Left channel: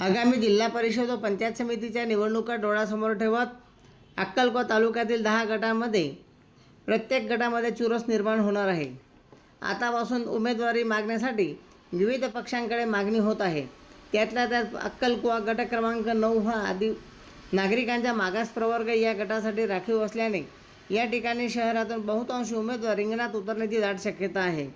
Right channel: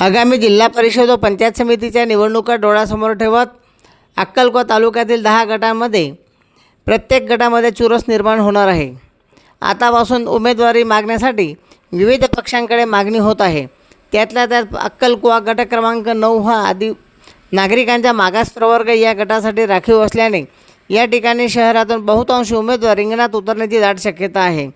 आगामी जिल्हा परिषद व पंचायत समितीच्या निवडणुका डोळ्यासमोर ठेवत अक्कलकोट तालुक्यातील दहा गटांमध्ये प्रत्येक गटामध्ये चुरस निर्माण होणार आहे. आतापासून उमेदवारी मागण्यासाठी विविध पक्षांकडे मागणी होत आहे. त्यातल्या त्यात अक्कलकुवा गट क्रमांक नऊ हा आदी नागरिकांचा मागास प्रवर्ग या गटासाठी राखीव असल्याने या ठिकाणी शहरातून बहुतांश उमेदवार रिंगणात उतरण्याची दाट शक्यता आहे.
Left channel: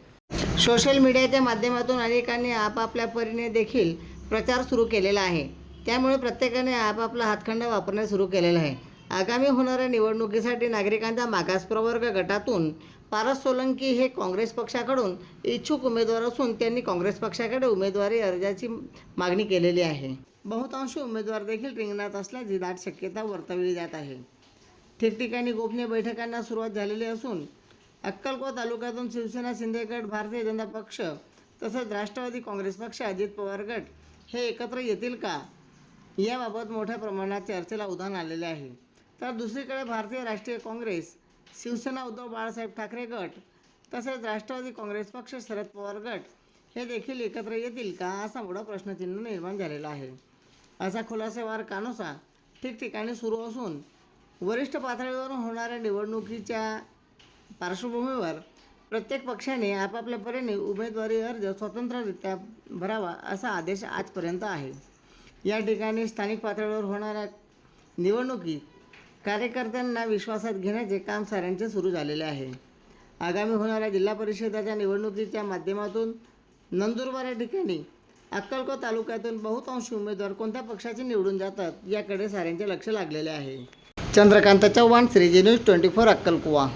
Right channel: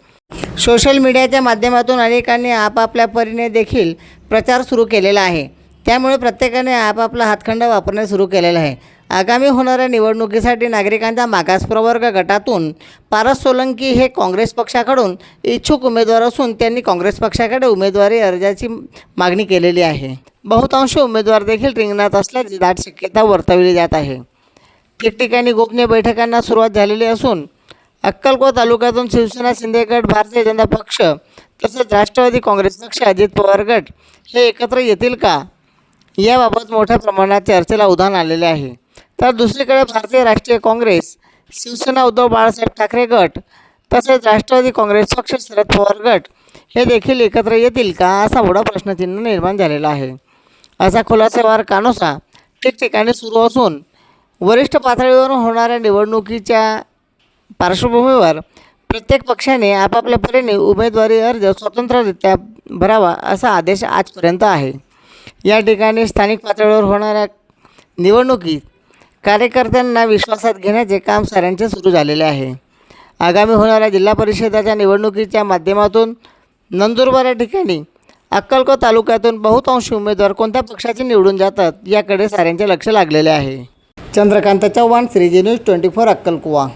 सोशल मीडियाच्या माध्यमातून अनेकांनी आपापल्या परीने देखील प्रचार सुरू केलेला आहे. त्यामुळे प्रत्येकाने आपापला हातखंड वापरणे सुरू केलेलं आहे. आगामी होणाऱ्या निवडणुकीसाठी नागरिकांच्या मागास प्रवर्ग गटातून पारस सोलंकी हे काँग्रेस पक्षाकडून इच्छुक उमेदवार असून त्यांनी काँग्रेस पक्षाकडे उमेदवारी अर्जाची मागणी केलेली आहे. बहुतांश उमेदवार देखील रिंगणात असल्याची दाट शक्यता वर्तवली जात आहे. ठिकठिकाणी गोपनीय बैठकांना सुरुवात झालेली असून अक्कलकोट तालुक्यातून शिवसेना शिंदेगड भारतीय जनता पक्ष तसेच राष्ट्रवादी काँग्रेस पक्ष अजित पवार गट हे एकत्र येतील का? याबाबत मोठ्या प्रमाणात चर्चेला उधाण आलेले आहे. तर दुसरीकडे भारतीय राष्ट्रीय काँग्रेस शिवसेना उद्धव बाळासाहेब ठाकरे गट तसेच राष्ट्रवादी काँग्रेस पक्ष शरद पवार गट हे देखील एकत्र येतील का? असा मोठा प्रश्नचिन्ह निर्माण झालेला आहे. असा खुलासेवार कानोसा ठिकठिकाणी सुरू असून वरिष्ठ पातळीवरून होणाऱ्या निवडणुकीच्या पार्श्वभूमीवर प्रत्येक पक्षाने आपापल्या परीने उमेदवारी अर्ज स्वतंत्ररित्या भरावा असा आदेश आजपर्यंत आहे. या ठिकाणी स्थानिक पातळीवर होणाऱ्या निवडणुकीत कार्यकर्त्यांना विश्वासात घेण्याचे काम साऱ्यांचे सुरू झालेले आहे. आगामी होणाऱ्या जिल्हा परिषदाच्या निवडणुकीच्या माध्यमातून नंदुरबार या ठिकाणी अक्कलकोट तालुक्यातून बहुतांश उमेदवार कोणत्या पक्षाचे निवडून जातात याकडे साऱ्यांचे लक्ष लागलेले आहे. Chandrakant Chavan Shreeji news twenty four अक्कलकुवा.